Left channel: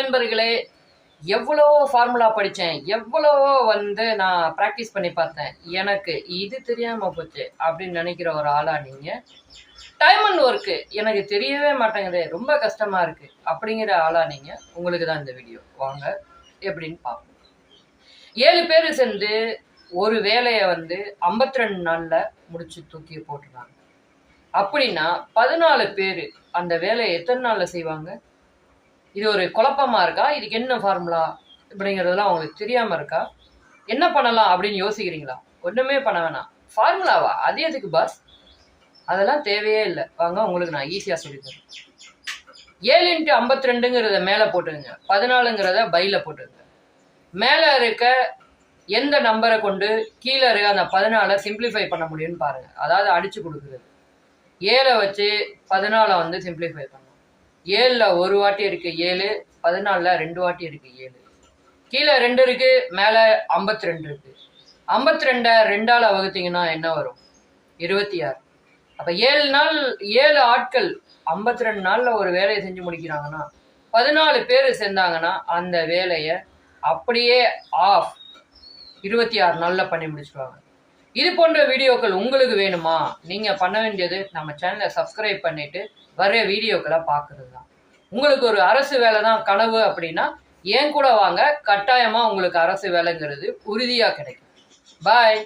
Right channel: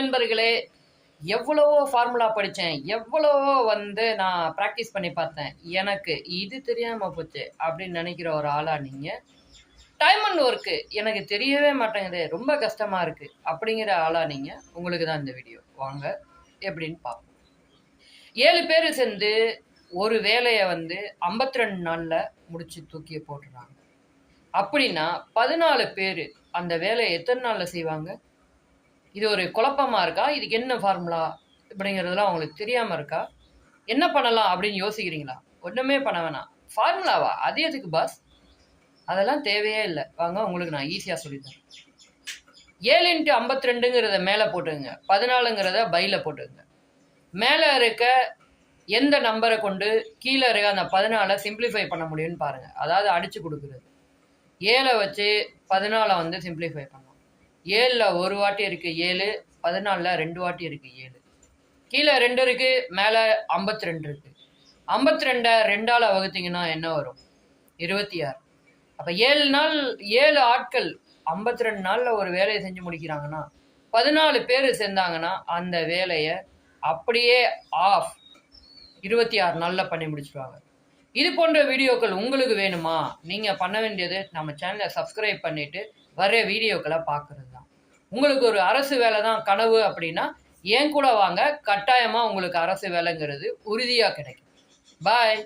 நண்பர்களே, எவ்வளவோ ஃபார்முலா படித்தேன், எவ்வளவோ நான் ப்ராக்டிஸ் பண்ணி பார்த்தேன். எனக்கு இது தெரியாமல் போச்சு அப்படின்னு நினைக்கிற ஒரு ஆளா நீங்கள்? டைம் அண்ட் ஒர்க்கு எனக்கு தெரியவே மாட்டேங்குது, ரொம்ப கஷ்டமாக இருக்குது அப்படிங்கிற ஆளா நீங்கள்? உங்களுக்கு தான் இந்த வீடியோ. வாங்க எப்படின்னு பார்ப்போம். 7 பேர் சேர்ந்து ஒரு வேலையை 52 நாளில் முடிச்சு தூக்கி போட்டுருவாங்க. அப்படின்னா 14 பேர் அந்த வேலையை எத்தனை நாளில் செய்வாங்க? இது ஒரு குழப்பமா இருக்கா? இதுக்கு என்ன ஃபார்முலா அப்படிங்கிறதுலாம் உங்களுக்கு தெரியாமல் இருக்கா? என்ன பண்ணலாம் அப்படின்னு யோசிக்கிறீங்களா? ஒன்றுமே பண்ண வேணாம். ஃபார்முலாவா? அது எதுக்கு பாஸ்? அதெல்லாம் தேவையே இல்லை. வாங்க உங்களுக்கு நான் ஈஸியாக சொல்லித்தரேன். 7 × 52ங்கிறத மேலே போட்டுங்க, 14ங்கிறத பையில் போட்டுங்க. மேலே இருக்க எந்த நம்பரை கொண்டு கீழே இருக்க அந்த 14 சிம்பிளிஃபை பண்ண முடியும்னு பாருங்கள். அதாவது அடித்து கொடுக்குறது. 7 வச்சு 14 சிம்பிளிஃபை பண்ணணும். 7ல் ஒரு வாட்டி இருக்குது 7, 14ல் 2 வாட்டி இருக்குது 7. கீழே 2 இருக்குது, மேலே 52 இருக்குது. 52 2ஆல் வகுத்தீங்கன்னா என்ன வரும்? 26. அப்போ 7 ஆட்கள் 52 நாளில் ஒரு வேலையை செஞ்சு முடிக்கிறாங்கன்னா 14 பேர் சேர்ந்தாங்கன்னா அந்த வேலையை அப்படியே 26 நாளில் பண்ணி முடிச்சுடுவாங்க. இது போன்ற வீடியோக்கள் உங்களுக்கு வேணுமா? நீங்கள் பண்ண வேண்டியது நம்ம சேனலை சப்ஸ்கிரைப் பண்ணிவிட்டு வர வீடியோக்களை பார்க்குறது தான். உங்களுக்கு ஒரு அரசு வேலை தான் கனவு அப்படின்னா ஏன் கூட வாங்க, கட்டாயமாக உங்களுக்கு அரசு வேலைங்கிறது உறுதியாக கிடைக்கும். பாய்.